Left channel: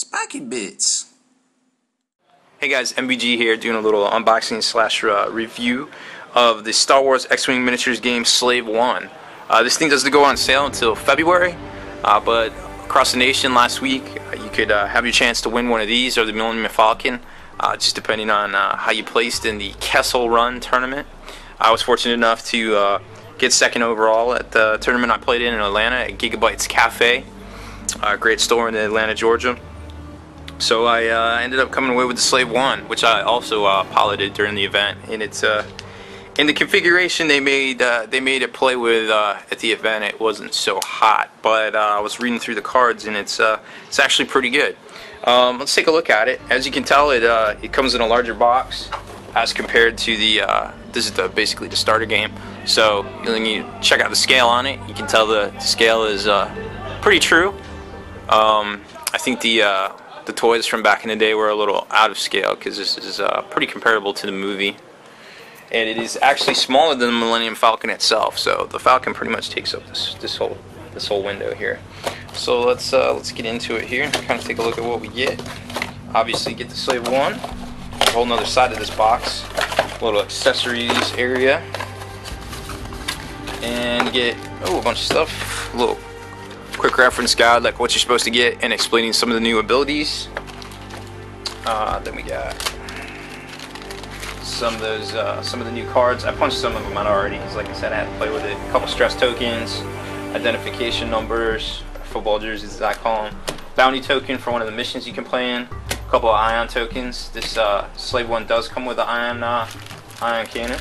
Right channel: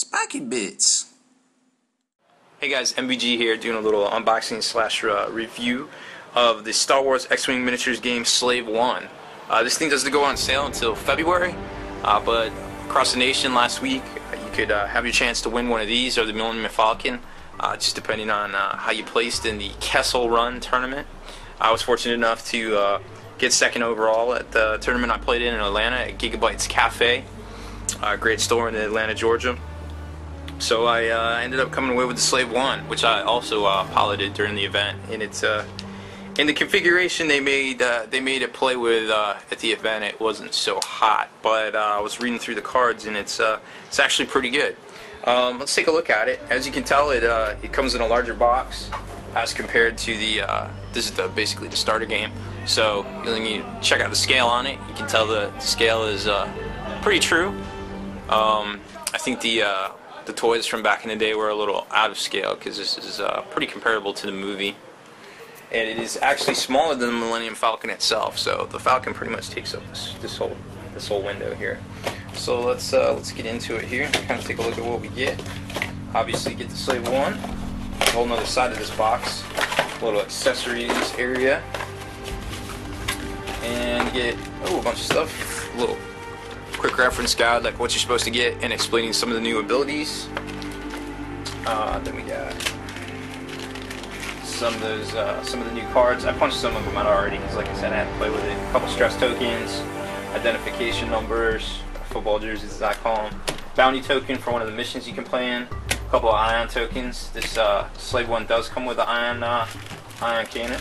Spiky Bits. Hey guys, MBG here doing a little unboxing slash review of the Star Wars X-Wing miniatures game Slave One. This thing doesn't go on sale until February, but across the nation last week you could have your chance to win one of these or the Millennium Falcon, just depending on how you placed in the Kessel Run tournament. I was fortunate enough to get second overall at the tournament I played in Atlanta at Gigabytes Cafe, a great store in Atlanta, Georgia. So I ended up coming away with the Slave One, which I also piloted during the event. And it's in the configuration they made it play with at the event. It wasn't so hot, but I was reading through the cards, and it's actually pretty good. Let's take a look at it. As you can tell, it comes in a larger box as compared to the this is basically the starter game. So when you check out the scale on it, you can tell the scale is pretty true. I think the toys from back in the day were a little out of scale because this is pretty comparable to the movie, and it is actually smaller than the Millennium Falcon itself. So the Falcon pretty much takes up this whole window here. So let's get into it here and kind of take a look at what we get. Obviously, get the Slave One, a whole nother side of this box, little accessories area, and get a bunch of stuff, a little quick reference guide like what you're supposed to get and explaining some of the new abilities. Then we got some of the new cards. I punched some of them out already because, like I said, I had to play with it. A couple stress tokens, identification numbers, football jerseys as I call them, bounty token for one of the missions you can play in, a couple of ion tokens. This Slave One does come with an ion cannon.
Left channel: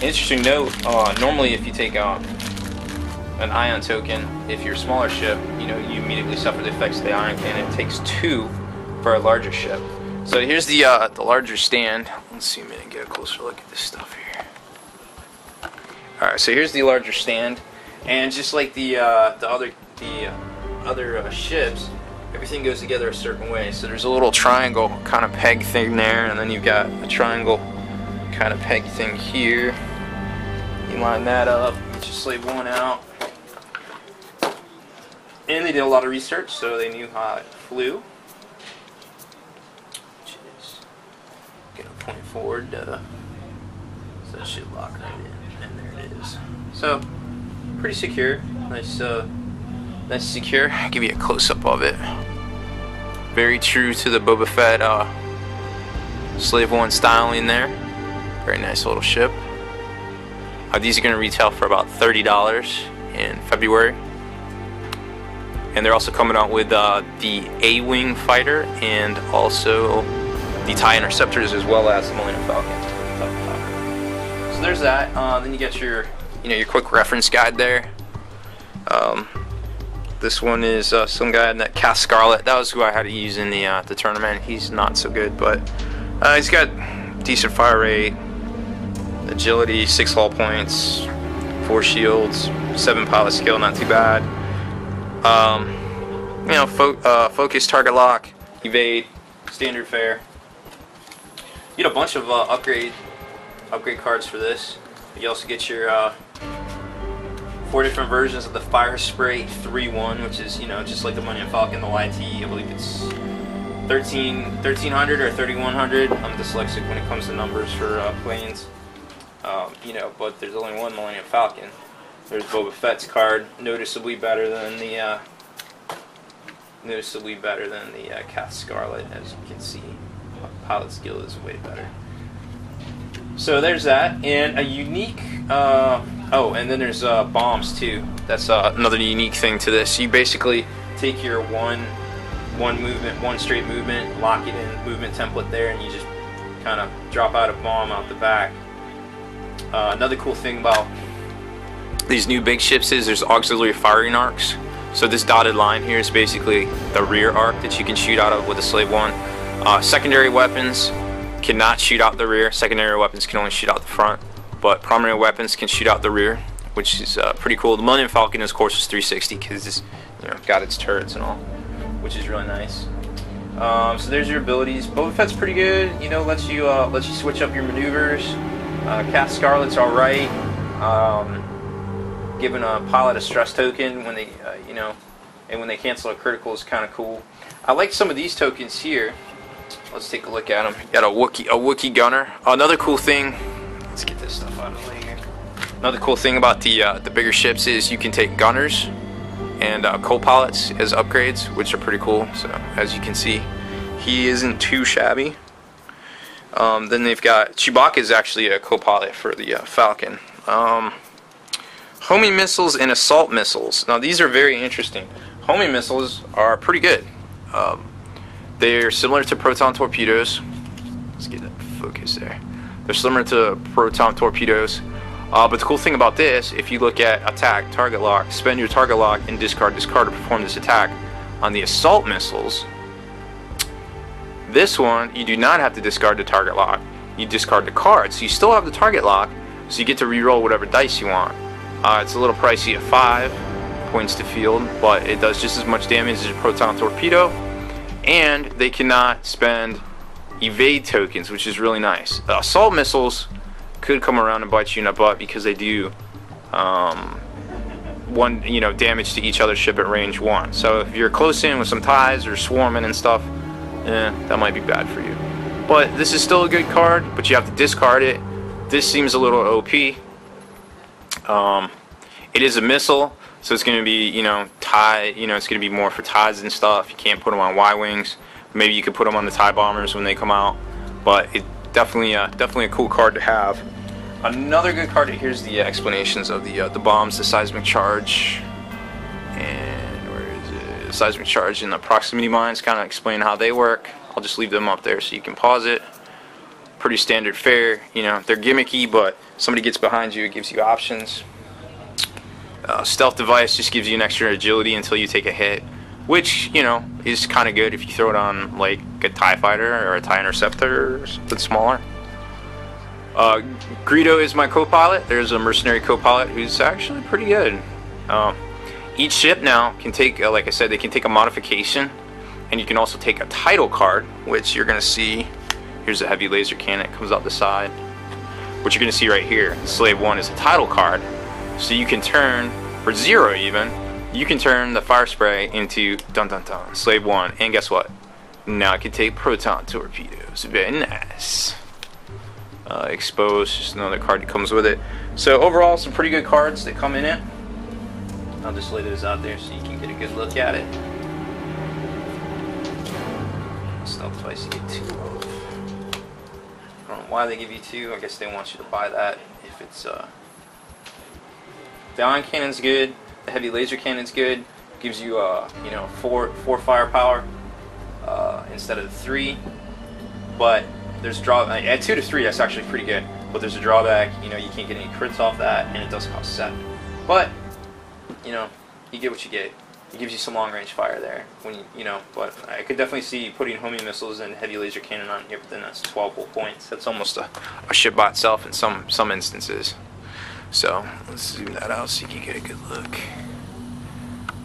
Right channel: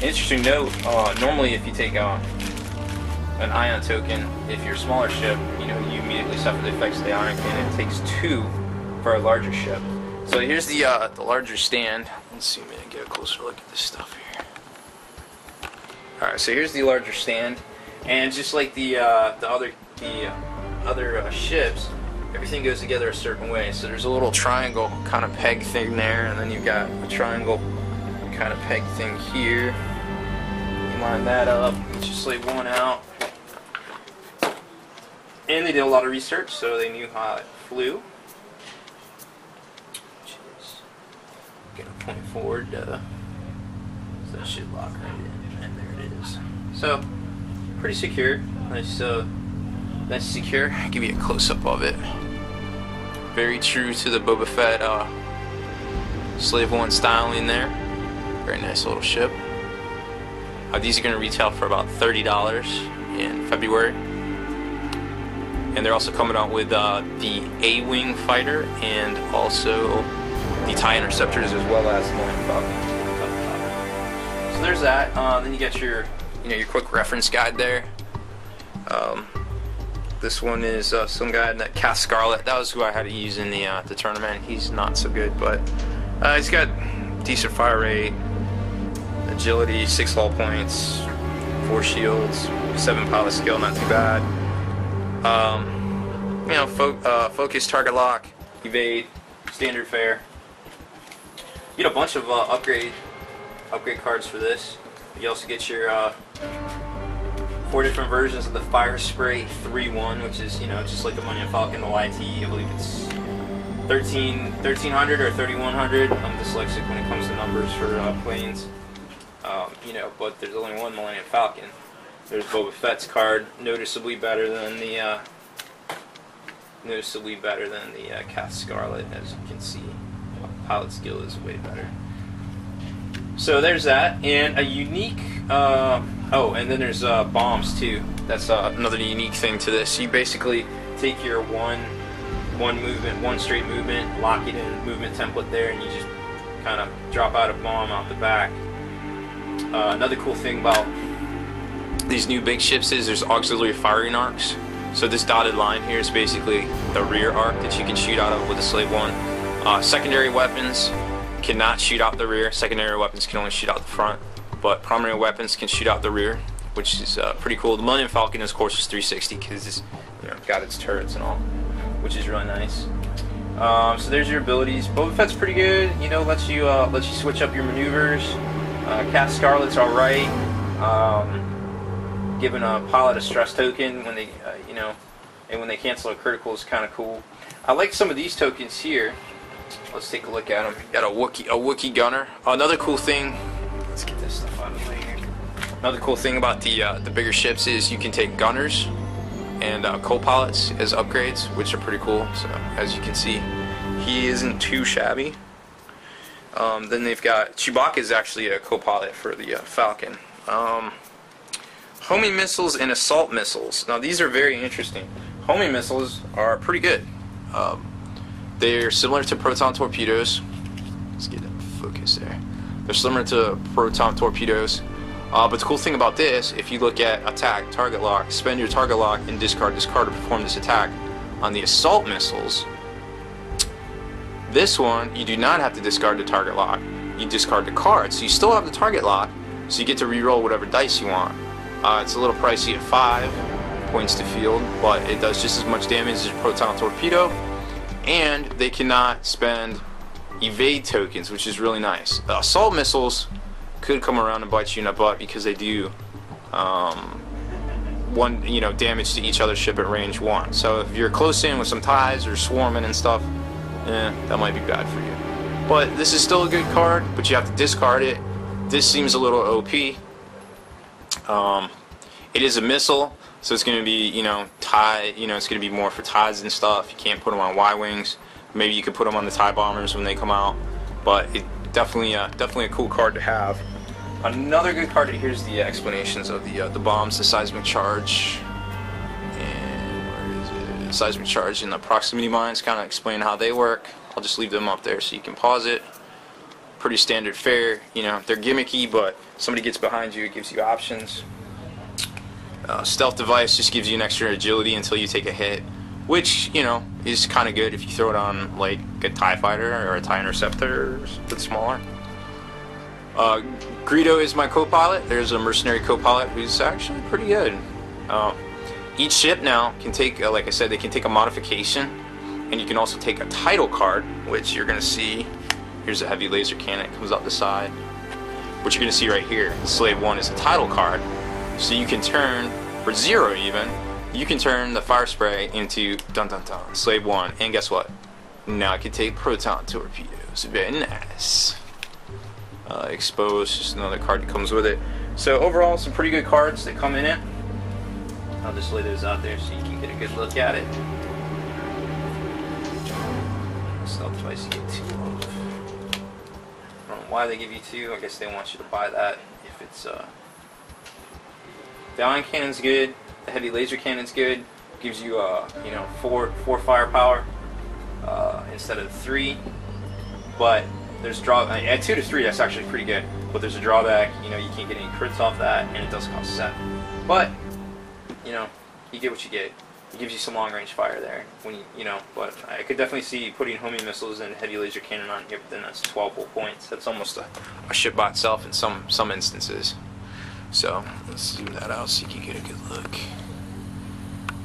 Interesting note, normally if you take an ion token, if you're a smaller ship, you immediately suffer the effects of the ion cannon. It takes 2 for a larger ship. So here's the larger stand. Let's see, get a closer look at this stuff here. Alright, so here's the larger stand, and just like the other ships, everything goes together a certain way. So there's a little triangle kind of peg thing there, and then you've got a triangle kind of peg thing here. You line that up, get your Slave One out. And they did a lot of research, so they knew how it flew. Which is gonna point forward, so that should lock right in, and there it is. So pretty secure, nice secure. I'll give you a close-up of it. Very true to the Boba Fett Slave One styling there. Very nice little ship. These are gonna retail for about $30 in February. And they're also coming out with the A-Wing fighter and also the TIE Interceptors, as well as the Millennium Falcon. So there's that. Then you get your quick reference guide there. This one is some guy that Cass Scarlet. That was who I had to use in the tournament. He's not so good, but he's got decent fire rate, agility, 6 hull points, 4 shields, 7 pilot skill, not too bad. Focus, target lock, evade, standard fare. You get a bunch of upgrade cards for this. You also get your 4 different versions of the Fire Spray 3-1, which is just like the Millennium Falcon, the YT. I believe it's 1300 or 3100. I'm dyslexic when it comes to numbers for planes. But there's only one Millennium Falcon. There's Boba Fett's card, noticeably better than the Cass Scarlet, as you can see. Pilot skill is way better. So there's that, and a unique. And then there's bombs too. That's another unique thing to this. You basically take your one straight movement, lock it in movement template there, and you just kind of drop out a bomb out the back. Another cool thing about these new big ships is there's auxiliary firing arcs. So this dotted line here is basically the rear arc that you can shoot out of with the Slave One. Secondary weapons cannot shoot out the rear. Secondary weapons can only shoot out the front, but primary weapons can shoot out the rear, which is pretty cool. The Millennium Falcon, of course, is 360 because it's got its turrets and all, which is really nice. So there's your abilities. Boba Fett's pretty good. Lets you switch up your maneuvers. Cass Scarlet's all right. Giving a pilot a stress token when they and when they cancel a critical is kind of cool. I like some of these tokens here. Let's take a look at them. Got a Wookiee gunner. Another cool thing. Let's get this stuff out of the way here. Another cool thing about the bigger ships is you can take gunners and co-pilots as upgrades, which are pretty cool. So as you can see, he isn't too shabby. Then they've got Chewbacca is actually a co-pilot for the Falcon. Homing missiles and assault missiles. Now these are very interesting. Homing missiles are pretty good. They're similar to proton torpedoes. Let's get that focus there. They're similar to proton torpedoes. But the cool thing about this, if you look at attack, target lock, spend your target lock, and discard this card to perform this attack. On the assault missiles, this one, you do not have to discard the target lock. You discard the card. So you still have the target lock, so you get to re-roll whatever dice you want. It's a little pricey at 5 points to field, but it does just as much damage as a proton torpedo. And they cannot spend evade tokens, which is really nice. Assault missiles could come around and bite you in the butt because they do damage to each other ship at range 1. So if you're close in with some ties or swarming and stuff, that might be bad for you. But this is still a good card, but you have to discard it. This seems a little OP. It is a missile, so it's going to be, tie. It's going to be more for ties and stuff. You can't put them on Y-wings. Maybe you could put them on the TIE bombers when they come out. But it definitely a cool card to have. Another good card. Here's the explanations of the bombs, the seismic charge, and where is it? The seismic charge and the proximity mines. Kind of explain how they work. I'll just leave them up there so you can pause it. Pretty standard fare. They're gimmicky, but somebody gets behind you, it gives you options. Stealth device just gives you an extra agility until you take a hit, which is kind of good if you throw it on like a TIE fighter or a TIE interceptor, but smaller. Greedo is my co-pilot. There's a mercenary co-pilot who's actually pretty good. Each ship now can take, like I said, they can take a modification, and you can also take a title card, which you're going to see. Here's a heavy laser cannon. It comes out the side. What you're going to see right here, Slave 1 is a title card. So you can turn, for 0 even, you can turn the fire spray into dun-dun-dun, Slave 1. And guess what? Now I can take proton torpedoes. Very nice. Exposed, just another card that comes with it. So overall, some pretty good cards that come in it. I'll just lay those out there so you can get a good look at it. Stealth device you get 2 of. I don't know why they give you 2. I guess they want you to buy that if it's the ion cannon's good, the heavy laser cannon's good. Gives you 4 firepower instead of 3. But there's at 2 to 3 that's actually pretty good. But there's a drawback, you can't get any crits off that, and it does cost 7. But you get what you get. It gives you some long range fire there when but I could definitely see putting homing missiles and heavy laser cannon on here, but then that's 12 whole points. That's almost a ship by itself in some instances. So let's zoom that out so you can get a good look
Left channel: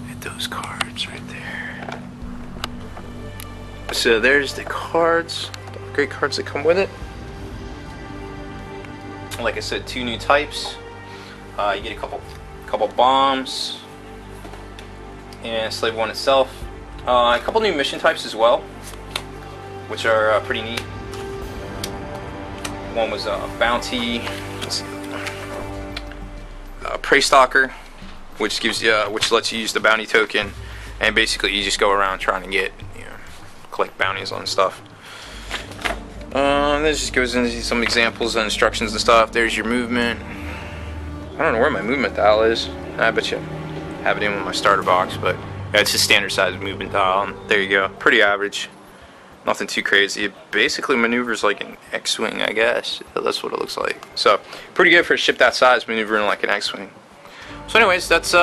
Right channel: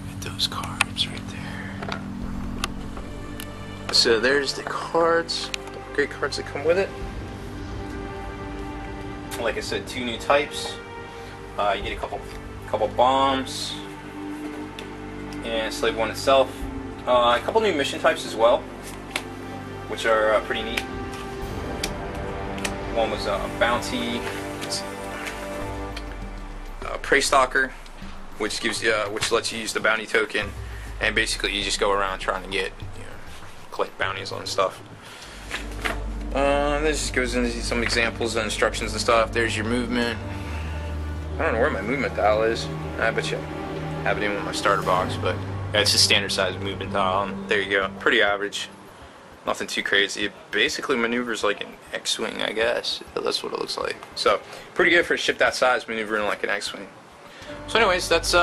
at those cards right there. So there's the cards, the great cards that come with it. Like I said, 2 new types. You get a couple bombs. And Slave 1 itself. A couple new mission types as well, which are pretty neat. One was a bounty, prey stalker, which lets you use the bounty token, and basically you just go around trying to get collect bounties on stuff. This just goes into some examples and instructions and stuff. There's your movement. I don't know where my movement dial is. I bet you have it in with my starter box, but yeah, it's just standard size movement dial, and there you go. Pretty average. Nothing too crazy. It basically maneuvers like an X-Wing, I guess. That's what it looks like. So, pretty good for a ship that size, maneuvering like an X-Wing. So anyways, that's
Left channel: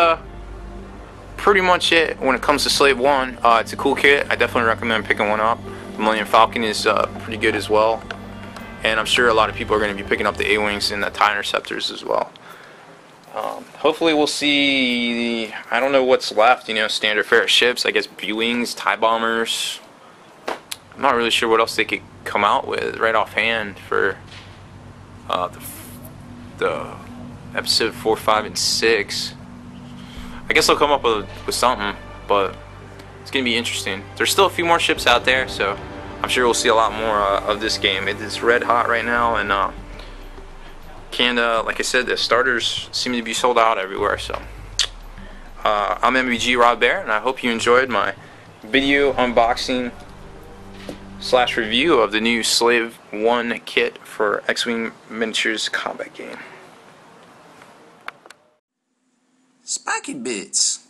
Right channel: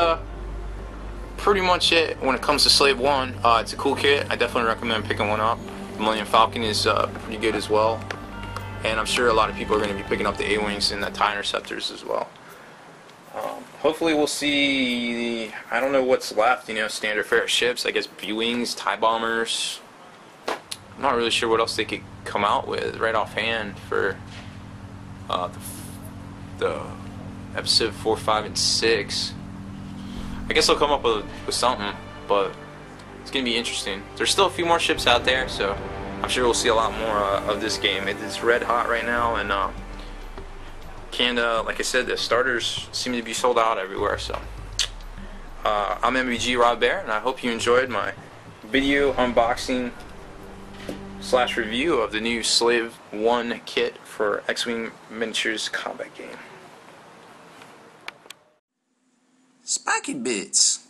pretty much it when it comes to Slave 1. It's a cool kit. I definitely recommend picking one up. The Millennium Falcon is pretty good as well. And I'm sure a lot of people are going to be picking up the A-Wings and the TIE Interceptors as well. Hopefully we'll see, I don't know what's left, standard fare ships, I guess B-Wings, TIE Bombers. I'm not really sure what else they could come out with right offhand for the episode 4, 5, and 6. I guess they'll come up with something. but it's going to be interesting. There's still a few more ships out there, so I'm sure we'll see a lot more of this game. It's red hot right now, and Canada, like I said, the starters seem to be sold out everywhere. So I'm MBG Rob Bear, and I hope you enjoyed my video unboxing / review of the new Slave 1 kit for X-Wing Miniatures combat game. Spiky Bits.